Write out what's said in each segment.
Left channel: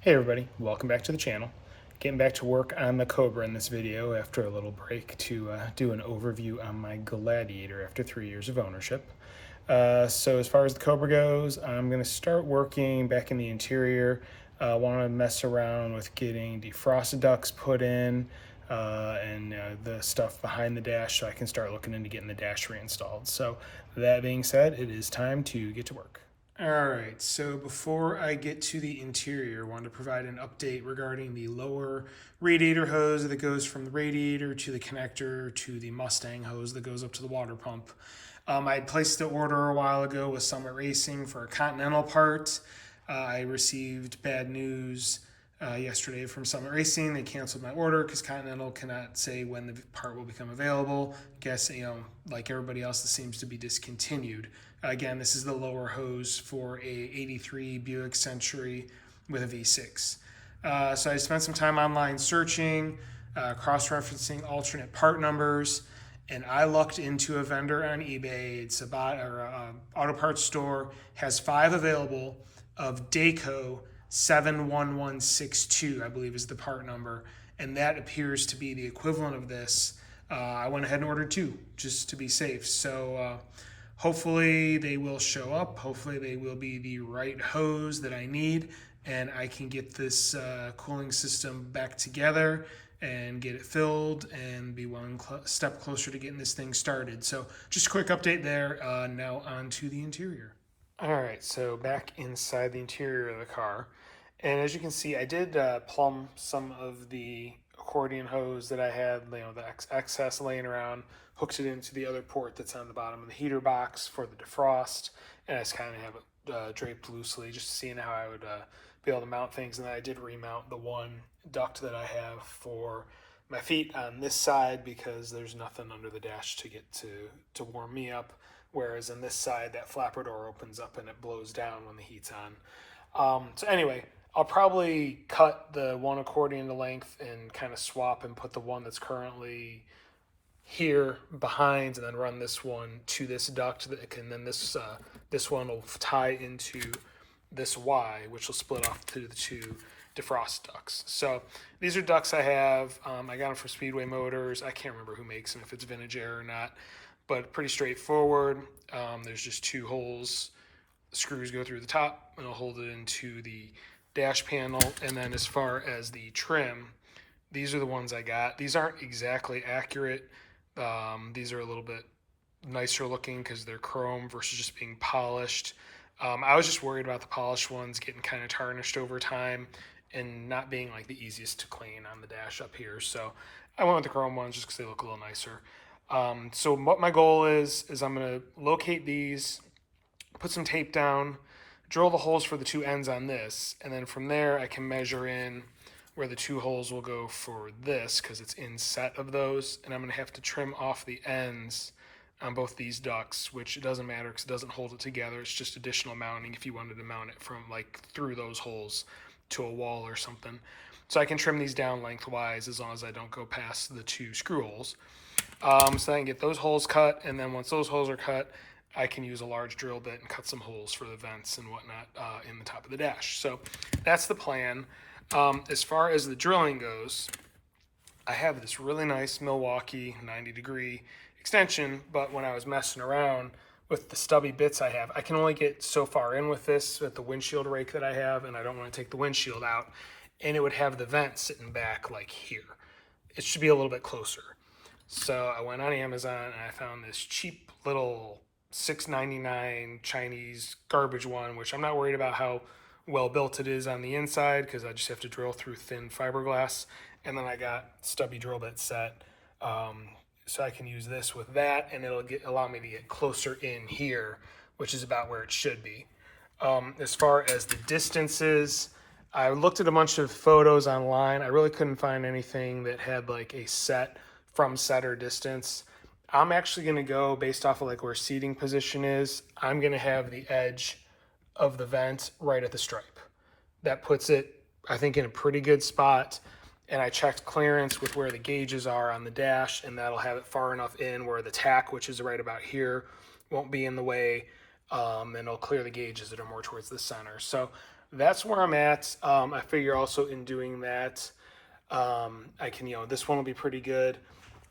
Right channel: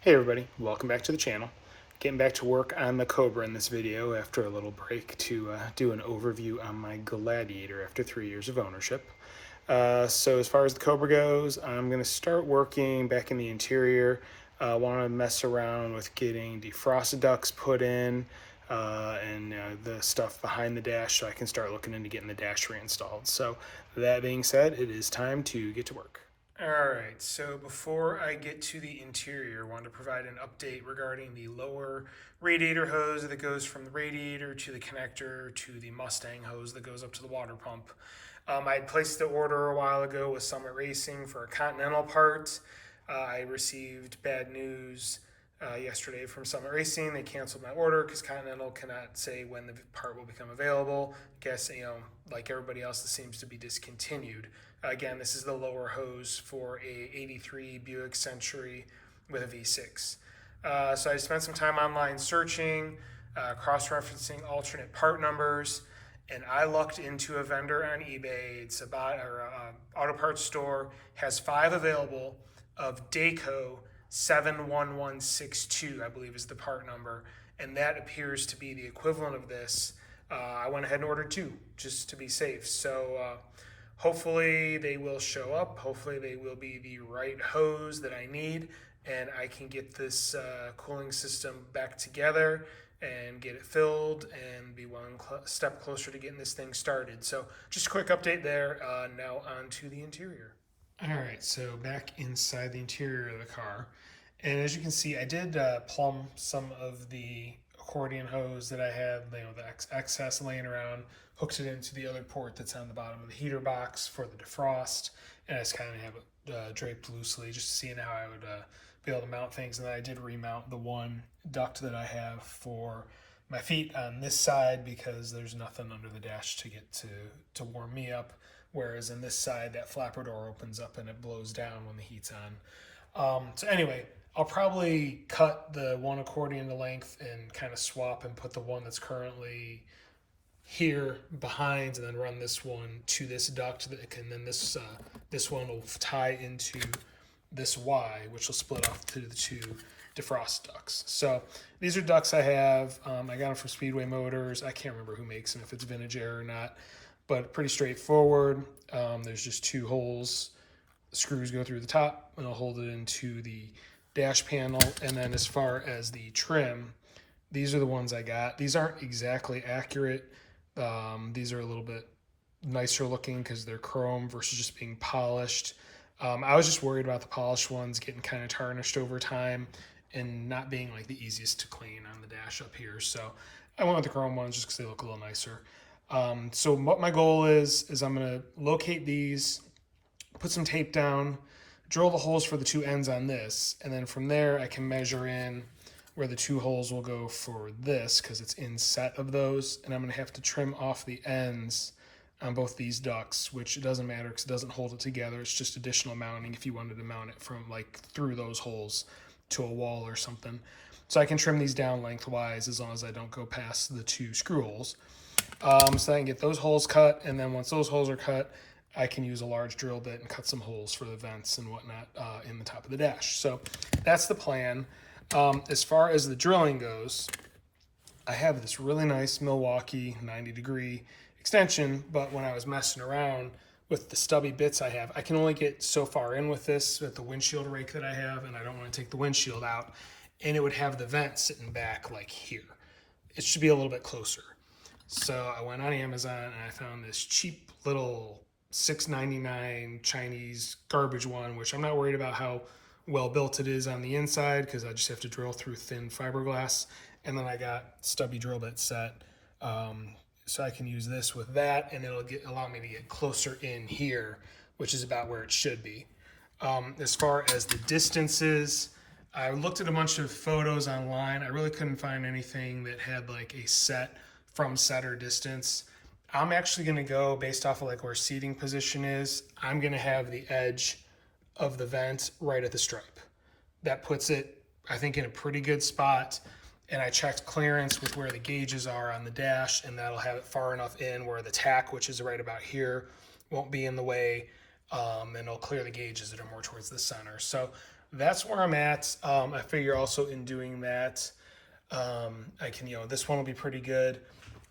Hey everybody, welcome back to the channel. Getting back to work on the Cobra in this video after a little break to do an overview on my Gladiator after 3 years of ownership. So as far as the Cobra goes, I'm going to start working back in the interior. I want to mess around with getting defrost ducts put in and the stuff behind the dash so I can start looking into getting the dash reinstalled. So that being said, it is time to get to work. All right, so before I get to the interior, I wanted to provide an update regarding the lower radiator hose that goes from the radiator to the connector to the Mustang hose that goes up to the water pump. I had placed the order a while ago with Summit Racing for a Continental part. I received bad news yesterday from Summit Racing. They canceled my order because Continental cannot say when the part will become available. Guess, like everybody else, this seems to be discontinued. Again, this is the lower hose for a 83 Buick Century with a V6. So I spent some time online searching, cross-referencing alternate part numbers, and I lucked into a vendor on eBay. It's about auto parts store, has 5 available of Dayco 71162, I believe is the part number, and that appears to be the equivalent of this. I went ahead and ordered 2 just to be safe. So hopefully they will show up. Hopefully they will be the right hose that I need, and I can get this cooling system back together and get it filled and be one step closer to getting this thing started. So just a quick update there. Now on to the interior. All right, so back inside the interior of the car. And as you can see, I did plumb some of the accordion hose that I had, the excess laying around, hooked it into the other port that's on the bottom of the heater box for the defrost, and I just kind of have it draped loosely, just seeing how I would be able to mount things. And then I did remount the one duct that I have for my feet on this side because there's nothing under the dash to get to warm me up. Whereas on this side, that flapper door opens up and it blows down when the heat's on. So anyway, I'll probably cut the one accordion to length and kind of swap and put the one that's currently here behind, and then run this one to this duct, and then this one will tie into this Y, which will split off to the 2 defrost ducts. So these are ducts I have. I got them from Speedway Motors. I can't remember who makes them, if it's Vintage Air or not, but pretty straightforward. There's just 2 holes. Screws go through the top and I'll hold it into the dash panel. And then as far as the trim, these are the ones I got. These aren't exactly accurate. These are a little bit nicer looking because they're chrome versus just being polished. I was just worried about the polished ones getting kind of tarnished over time and not being like the easiest to clean on the dash up here. So I went with the chrome ones just because they look a little nicer. So what my goal is I'm going to locate these, put some tape down, drill the holes for the 2 ends on this, and then from there I can measure in where the 2 holes will go for this because it's in set of those, and I'm going to have to trim off the ends on both these ducts, which it doesn't matter because it doesn't hold it together. It's just additional mounting if you wanted to mount it from like through those holes to a wall or something. So I can trim these down lengthwise as long as I don't go past the 2 screw holes. So I can get those holes cut, and then once those holes are cut, I can use a large drill bit and cut some holes for the vents and whatnot in the top of the dash. So that's the plan. As far as the drilling goes, I have this really nice Milwaukee 90-degree extension, but when I was messing around with the stubby bits I have, I can only get so far in with this, with the windshield rake that I have, and I don't want to take the windshield out, and it would have the vent sitting back like here. It should be a little bit closer. So I went on Amazon and I found this cheap little $6.99 Chinese garbage one, which I'm not worried about how well built it is on the inside because I just have to drill through thin fiberglass. And then I got stubby drill bit set, so I can use this with that, and it'll allow me to get closer in here, which is about where it should be. As far as the distances, I looked at a bunch of photos online. I really couldn't find anything that had like a set from setter distance. I'm actually going to go based off of like where seating position is. I'm going to have the edge of the vent right at the stripe. That puts it, I think, in a pretty good spot. And I checked clearance with where the gauges are on the dash, and that'll have it far enough in where the tack, which is right about here, won't be in the way, and it'll clear the gauges that are more towards the center. So that's where I'm at. I figure also in doing that, I can, this one will be pretty good.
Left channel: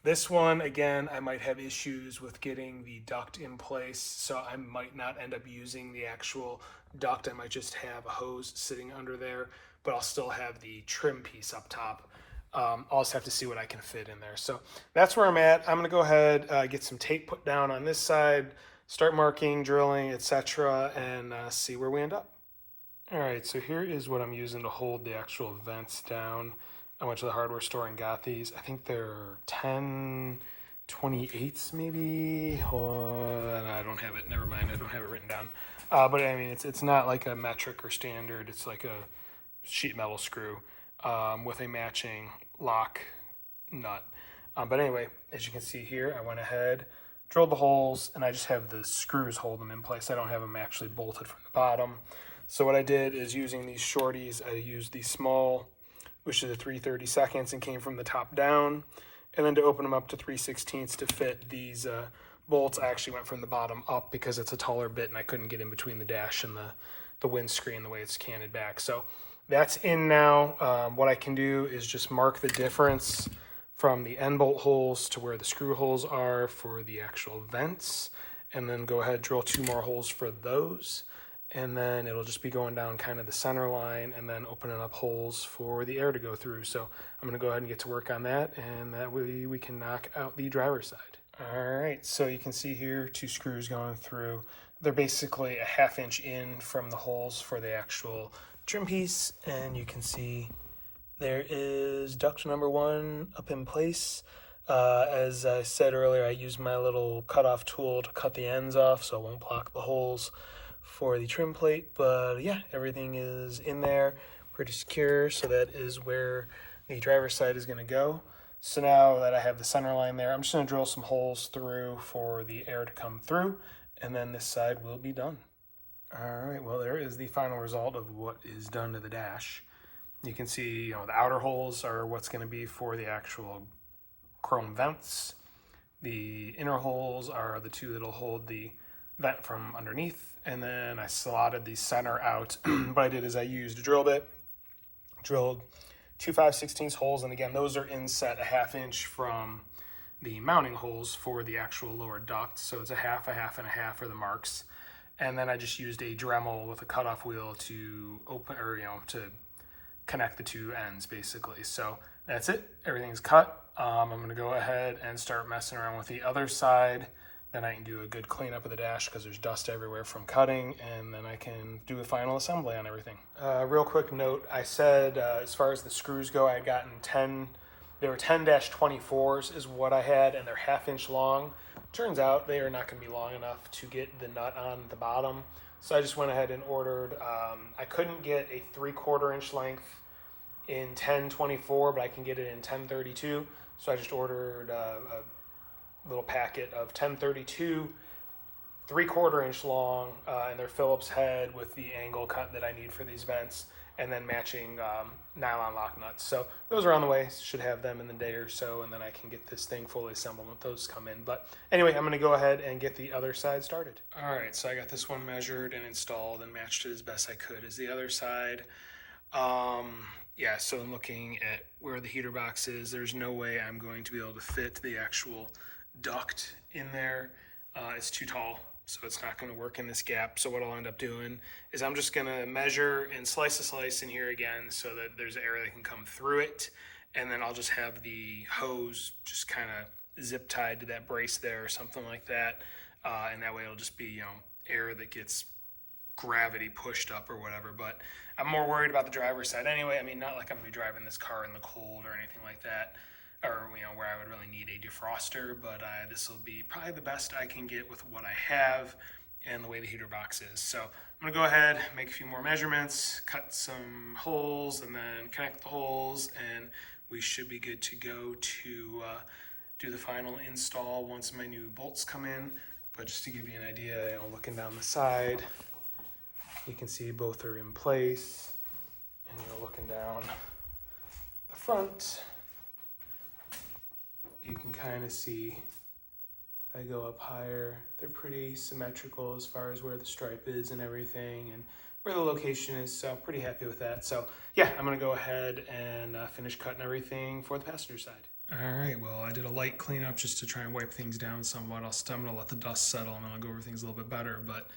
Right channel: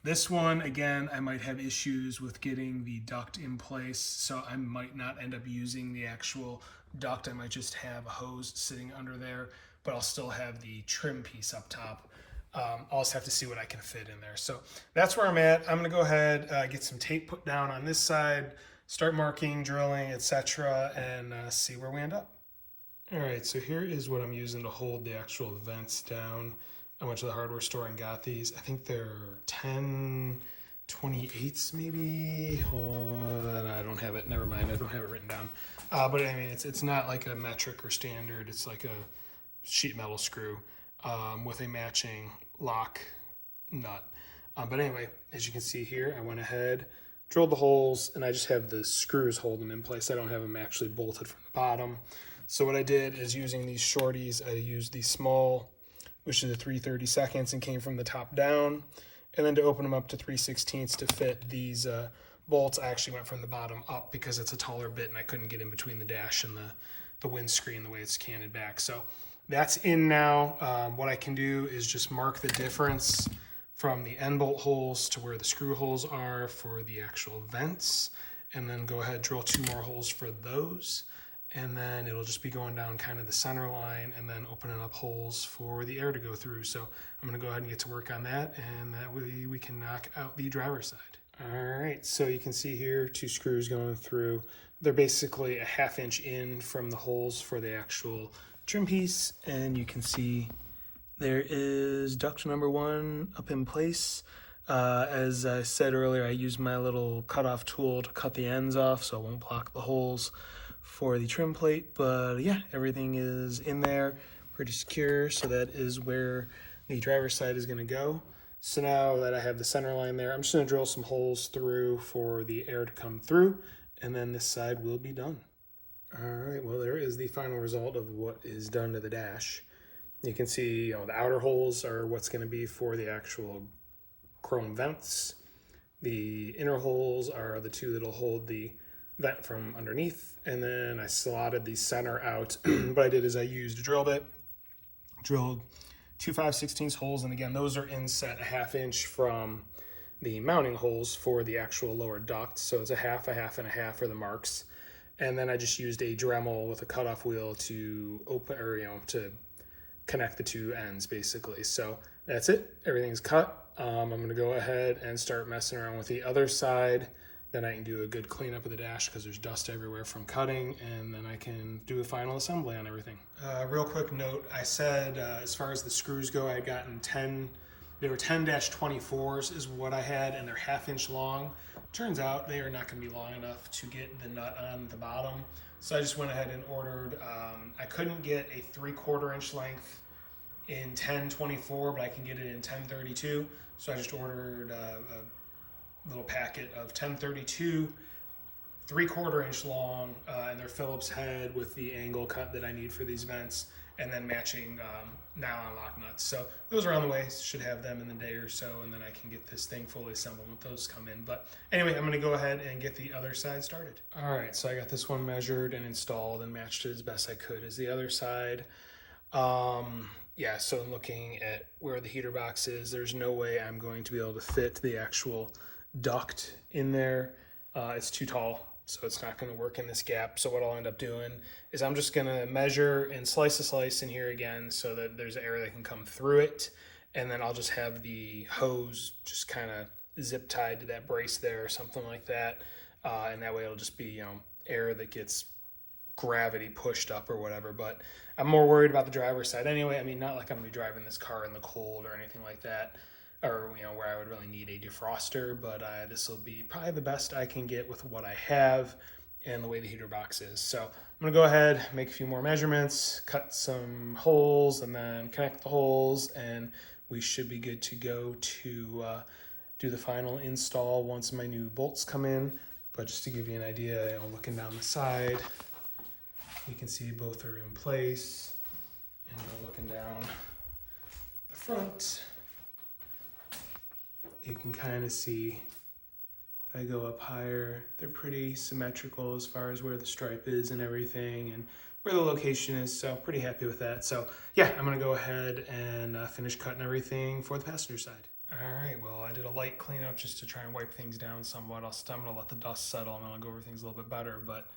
This one, again, I might have issues with getting the duct in place, so I might not end up using the actual duct. I might just have a hose sitting under there, but I'll still have the trim piece up top. I'll also have to see what I can fit in there. So that's where I'm at. I'm gonna go ahead, get some tape put down on this side, start marking, drilling, etc., and see where we end up. All right, so here is what I'm using to hold the actual vents down. I went to the hardware store and got these. I think they're 10/28s maybe. I don't have it. Never mind. I don't have it written down. But I mean, it's not like a metric or standard. It's like a sheet metal screw with a matching lock nut. But anyway, as you can see here, I went ahead, drilled the holes, and I just have the screws hold them in place. I don't have them actually bolted from the bottom. So what I did is using these shorties, I used the small, which is a 3/32, and came from the top down. And then to open them up to 3/16 to fit these bolts, I actually went from the bottom up because it's a taller bit and I couldn't get in between the dash and the windscreen the way it's canted back. So that's in now. What I can do is just mark the difference from the end bolt holes to where the screw holes are for the actual vents, and then go ahead, drill 2 more holes for those. And then it'll just be going down kind of the center line and then opening up holes for the air to go through. So I'm gonna go ahead and get to work on that, and that way we can knock out the driver's side. All right, so you can see here 2 screws going through. They're basically a 1/2 inch in from the holes for the actual trim piece, and you can see there is duct number 1 up in place. As I said earlier, I used my little cutoff tool to cut the ends off so it won't block the holes for the trim plate. But yeah, everything is in there, pretty secure. So that is where the driver's side is going to go. So now that I have the center line there, I'm just going to drill some holes through for the air to come through, and then this side will be done. All right, well, there is the final result of what is done to the dash. You can see, the outer holes are what's going to be for the actual chrome vents. The inner holes are the 2 that'll hold the vent from underneath, and then I slotted the center out. What I did is I used a drill bit, drilled 2 5/16 holes, and again, those are inset a 1/2 inch from the mounting holes for the actual lower duct. So it's a 1/2, a 1/2, and a 1/2 for the marks. And then I just used a Dremel with a cutoff wheel to open, or to connect the 2 ends basically. So that's it. Everything's cut. I'm going to go ahead and start messing around with the other side. Then I can do a good cleanup of the dash because there's dust everywhere from cutting, and then I can do a final assembly on everything. Real quick note, I said as far as the screws go, I had gotten 10, they were 10-24s is what I had, and they're 1/2 inch long. Turns out they are not going to be long enough to get the nut on the bottom. So I just went ahead and ordered, I couldn't get a 3/4 inch length in 10-24, but I can get it in 10-32. So I just ordered a little packet of 10-32, 3/4 inch long, and they're Phillips head with the angle cut that I need for these vents, and then matching nylon lock nuts. So those are on the way. Should have them in the day or so, and then I can get this thing fully assembled when those come in. But anyway, I'm gonna go ahead and get the other side started. All right, so I got this one measured and installed and matched it as best I could as the other side. Yeah, so I'm looking at where the heater box is. There's no way I'm going to be able to fit the actual duct in there. It's too tall, so it's not going to work in this gap. So what I'll end up doing is I'm just going to measure and slice a slice in here again so that there's air that can come through it, and then I'll just have the hose just kind of zip tied to that brace there or something like that, and that way it'll just be air that gets gravity pushed up or whatever. But I'm more worried about the driver's side anyway. I mean, not like I'm gonna be driving this car in the cold or anything like that, or where I would really need a defroster, but this will be probably the best I can get with what I have and the way the heater box is. So I'm gonna go ahead, make a few more measurements, cut some holes, and then connect the holes, and we should be good to go to do the final install once my new bolts come in. But just to give you an idea, looking down the side, you can see both are in place, and looking down the front, you can kind of see, if I go up higher, they're pretty symmetrical as far as where the stripe is and everything, and where the location is, so pretty happy with that. So yeah, I'm gonna go ahead and finish cutting everything for the passenger side. All right, well, I did a light cleanup just to try and wipe things down somewhat. I'm gonna let the dust settle and then I'll go over things a little bit better, but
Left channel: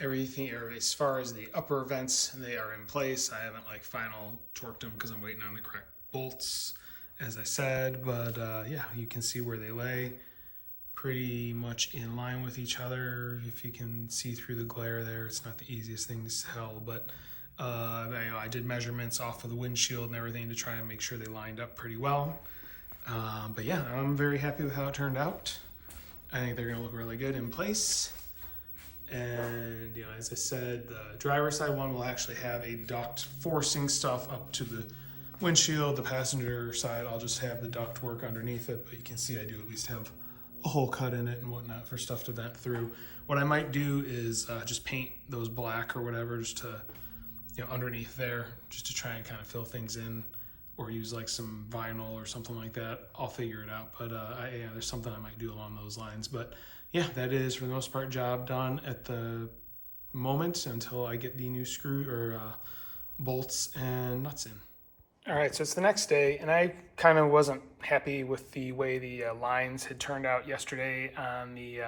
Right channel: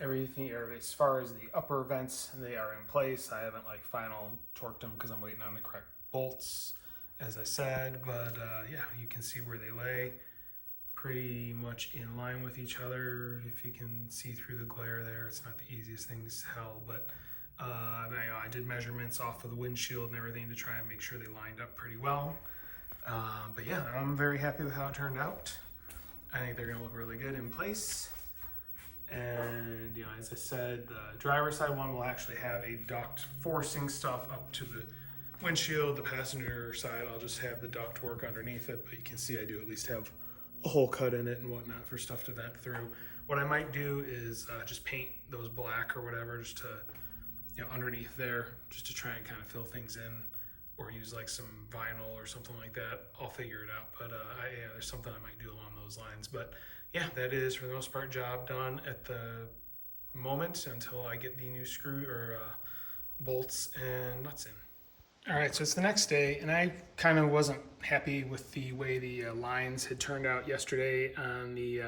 everything, or as far as the upper vents, they are in place. I haven't like final torqued them because I'm waiting on the correct bolts, as I said, but yeah, you can see where they lay. Pretty much in line with each other. If you can see through the glare there, it's not the easiest thing to tell, but I did measurements off of the windshield and everything to try and make sure they lined up pretty well. But yeah, I'm very happy with how it turned out. I think they're gonna look really good in place. And as I said, the driver's side one will actually have a duct forcing stuff up to the windshield. The passenger side, I'll just have the duct work underneath it, but you can see I do at least have a hole cut in it and whatnot for stuff to vent through. What I might do is just paint those black or whatever, just to underneath there, just to try and kind of fill things in, or use like some vinyl or something like that. I'll figure it out, but there's something I might do along those lines. But yeah, that is for the most part job done at the moment until I get the new screw or bolts and nuts in. All right, so it's the next day, and I kind of wasn't happy with the way the lines had turned out yesterday on the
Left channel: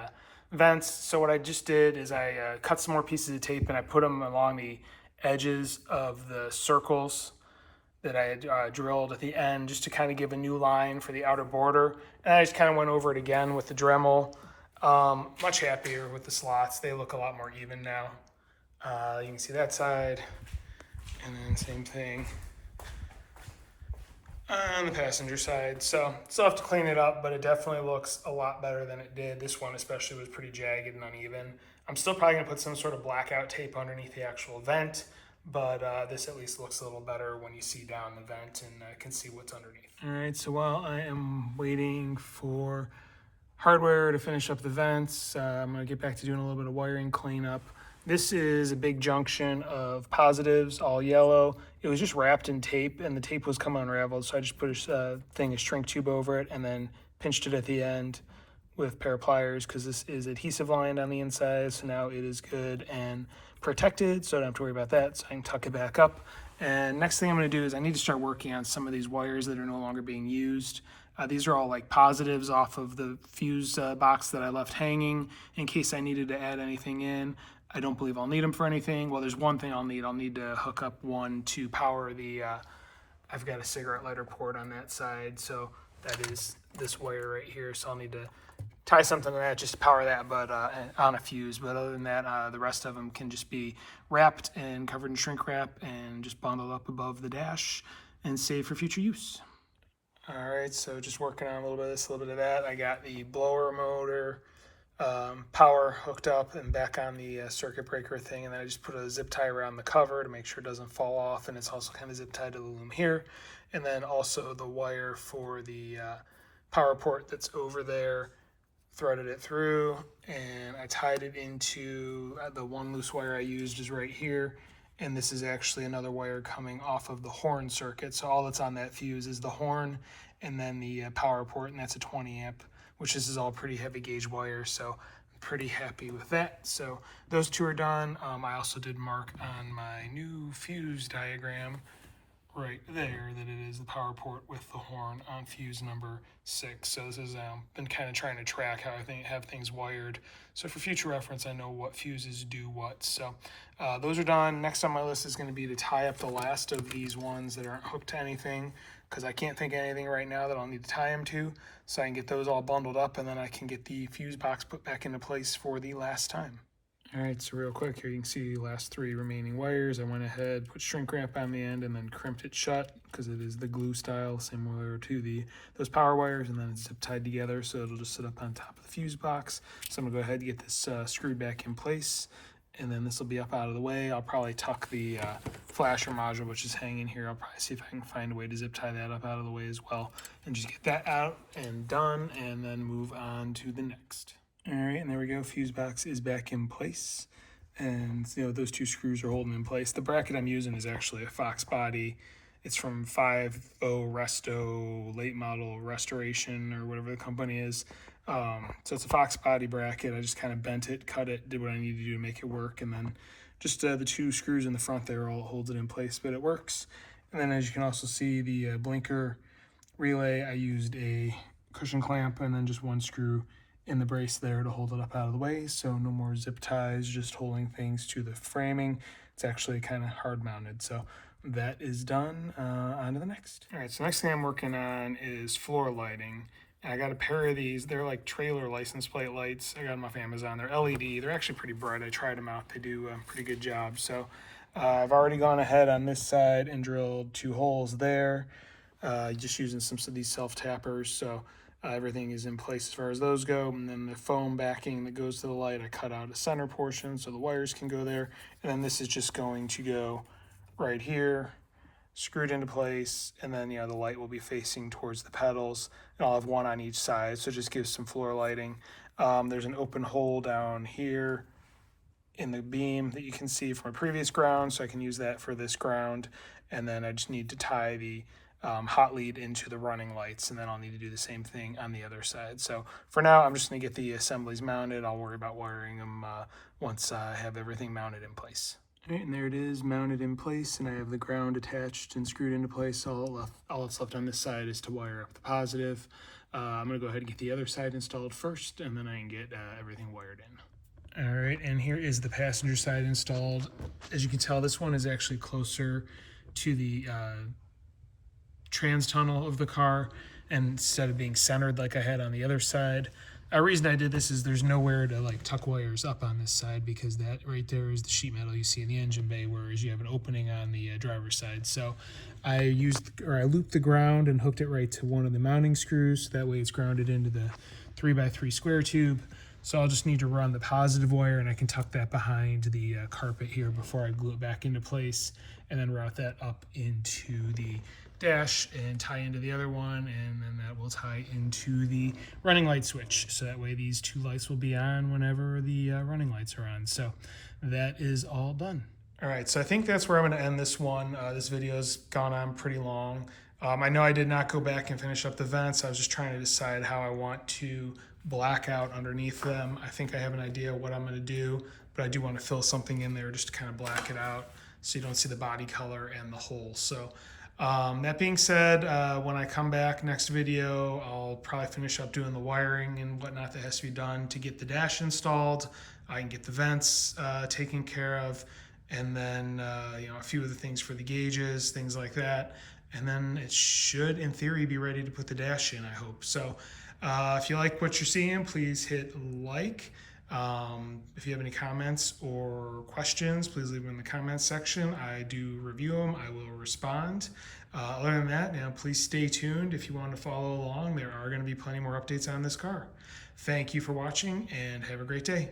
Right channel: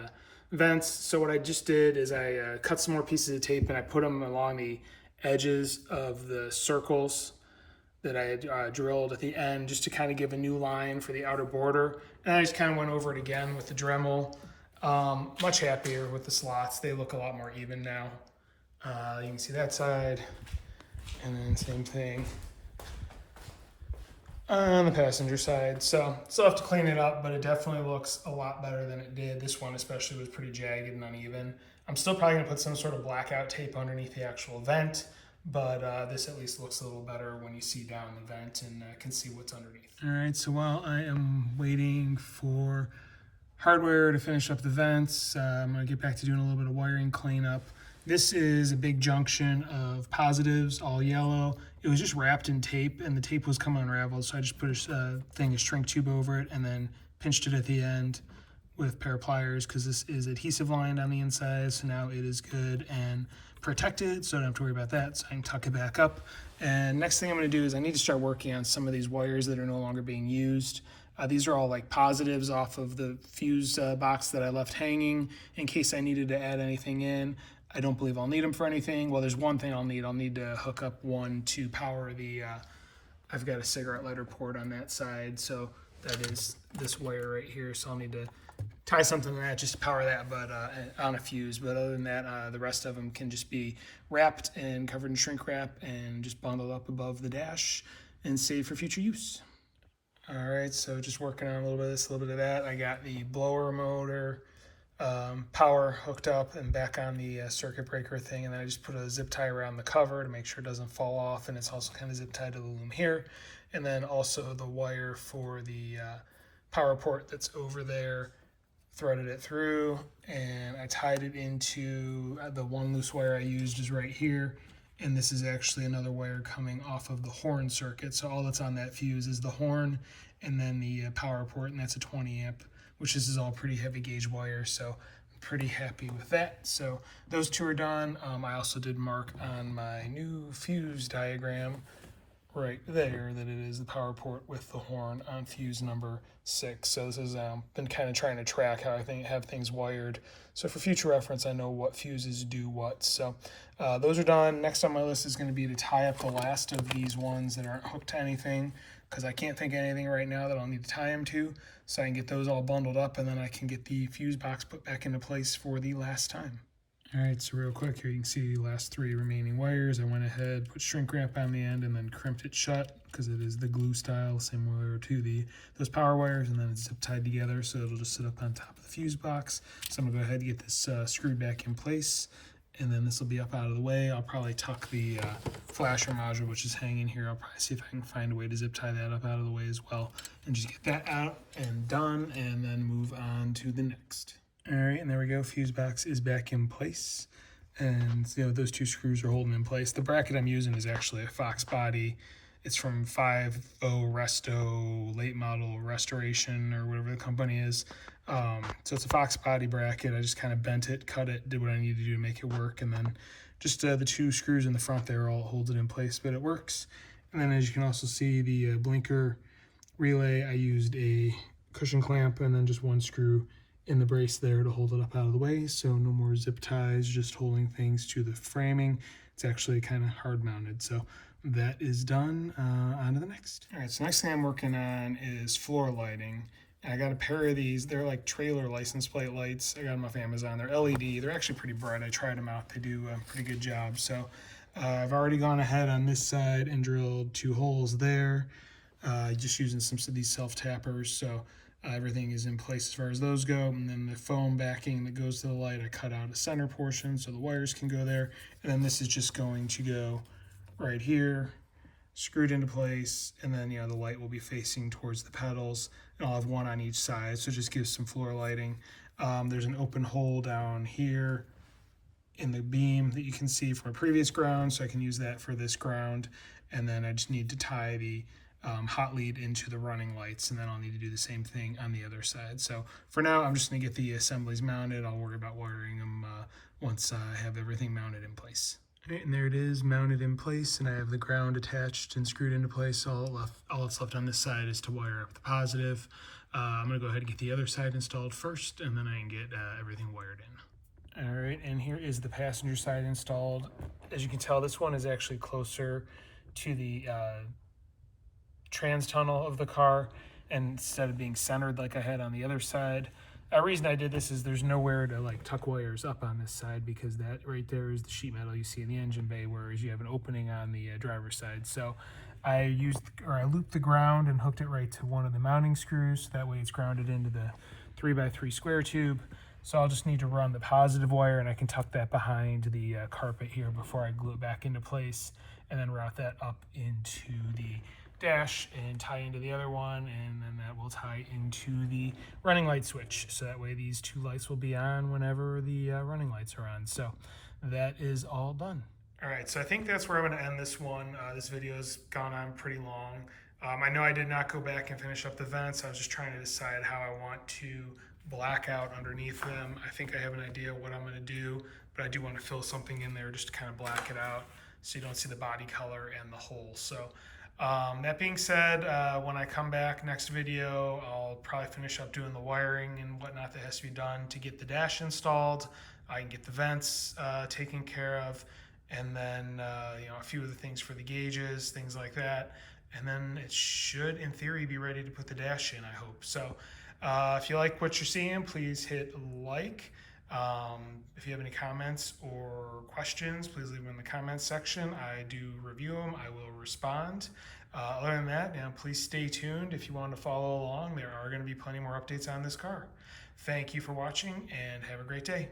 vents. So what I just did is I cut some more pieces of tape and I put them along the edges of the circles that I had drilled at the end, just to kind of give a new line for the outer border. And I just kind of went over it again with the Dremel. Much happier with the slots. They look a lot more even now. You can see that side, and then same thing on the passenger side. So still have to clean it up, but it definitely looks a lot better than it did. This one especially was pretty jagged and uneven. I'm still probably gonna put some sort of blackout tape underneath the actual vent, but this at least looks a little better when you see down the vent and can see what's underneath. All right, so while I am waiting for hardware to finish up the vents, I'm gonna get back to doing a little bit of wiring cleanup. This is a big junction of positives, all yellow. It was just wrapped in tape and the tape was coming unraveled, so I just put a shrink tube over it and then pinched it at the end with a pair of pliers, because this is adhesive lined on the inside, so now it is good and protected, so I don't have to worry about that. So I can tuck it back up. And next thing I'm gonna do is I need to start working on some of these wires that are no longer being used. These are all like positives off of the fuse box that I left hanging in case I needed to add anything in. I don't believe I'll need them for anything. Well, there's one thing I'll need. I'll need to hook up one to power the, I've got a cigarette lighter port on that side, so that is this wire right here. So I'll need to tie something to that just to power that, but on a fuse. But other than that, the rest of them can just be wrapped and covered in shrink wrap and just bundled up above the dash and saved for future use. All right, so just working on a little bit of this, a little bit of that. I got the blower motor power hooked up and back on the circuit breaker thing, and then I just put a zip tie around the cover to make sure it doesn't fall off, and it's also kind of zip tied to the loom here. And then also the wire for the power port that's over there, threaded it through, and I tied it into the one loose wire I used is right here. And this is actually another wire coming off of the horn circuit. So all that's on that fuse is the horn and then the power port, and that's a 20 amp, which this is all pretty heavy gauge wire. So I'm pretty happy with that. So those two are done. I also did mark on my new fuse diagram right there that it is the power port with the horn on fuse number 6. So this has been kind of trying to track how I have things wired. So for future reference, I know what fuses do what. So those are done. Next on my list is going to be to tie up the last of these ones that aren't hooked to anything, because I can't think of anything right now that I'll need to tie them to. So I can get those all bundled up, and then I can get the fuse box put back into place for the last time. All right, so real quick here, you can see the last 3 remaining wires. I went ahead, put shrink wrap on the end, and then crimped it shut because it is the glue style, similar to those power wires, and then it's zip tied together, so it'll just sit up on top of the fuse box. So I'm gonna go ahead and get this screwed back in place, and then this will be up out of the way. I'll probably tuck the flasher module, which is hanging here. I'll probably see if I can find a way to zip tie that up out of the way as well, and just get that out and done, and then move on to the next. All right, and there we go. Fuse box is back in place, and those 2 screws are holding in place. The bracket I'm using is actually a Fox body. It's from 5 Resto late model restoration or whatever the company is. So it's a Fox body bracket. I just kind of bent it, cut it, did what I needed to do to make it work, and then just the 2 screws in the front there all holds it in place, but it works. And then as you can also see, the blinker relay, I used a cushion clamp and then just 1 screw in the brace there to hold it up out of the way, so no more zip ties, just holding things to the framing. It's actually kind of hard mounted, so that is done. On to the next. All right, so next thing I'm working on is floor lighting. And I got a pair of these. They're like trailer license plate lights. I got them off Amazon. They're LED. They're actually pretty bright. I tried them out. They do a pretty good job. So I've already gone ahead on this side and drilled 2 holes there, just using some of these self-tappers. So everything is in place as far as those go. And then the foam backing that goes to the light, I cut out a center portion so the wires can go there. And then this is just going to go right here, screwed into place, and then the light will be facing towards the pedals, and I'll have 1 on each side, so it just gives some floor lighting. There's an open hole down here in the beam that you can see from a previous ground, so I can use that for this ground, and then I just need to tie the hot lead into the running lights, and then I'll need to do the same thing on the other side. So for now, I'm just going to get the assemblies mounted. I'll worry about wiring them once I have everything mounted in place. Okay, and there it is, mounted in place, and I have the ground attached and screwed into place. All that's left on this side is to wire up the positive. I'm going to go ahead and get the other side installed first, and then I can get everything wired in. All right, and here is the passenger side installed. As you can tell, this one is actually closer to the trans tunnel of the car, and instead of being centered like I had on the other side. The reason I did this is there's nowhere to like tuck wires up on this side, because that right there is the sheet metal you see in the engine bay, whereas you have an opening on the driver's side. So I looped the ground and hooked it right to one of the mounting screws. So that way it's grounded into the 3x3 square tube. So I'll just need to run the positive wire, and I can tuck that behind the carpet here before I glue it back into place, and then route that up into the dash and tie into the other one, and then that will tie into the running light switch, so that way these 2 lights will be on whenever the running lights are on. So that is all done. All right, so I think that's where I'm going to end this one. This video's gone on pretty long. I know I did not go back and finish up the vents. I was just trying to decide how I want to black out underneath them. I think I have an idea what I'm going to do, but I do want to fill something in there just to kind of black it out so you don't see the body color and the hole. So that being said, when I come back next video, I'll probably finish up doing the wiring and whatnot that has to be done to get the dash installed. I can get the vents taken care of, and then a few of the things for the gauges, things like that. And then it should, in theory, be ready to put the dash in, I hope. So if you like what you're seeing, please hit like. If you have any comments or questions, please leave them in the comments section. I do review them. I will respond. Other than that, please stay tuned if you want to follow along. There are going to be plenty more updates on this car. Thank you for watching, and have a great day.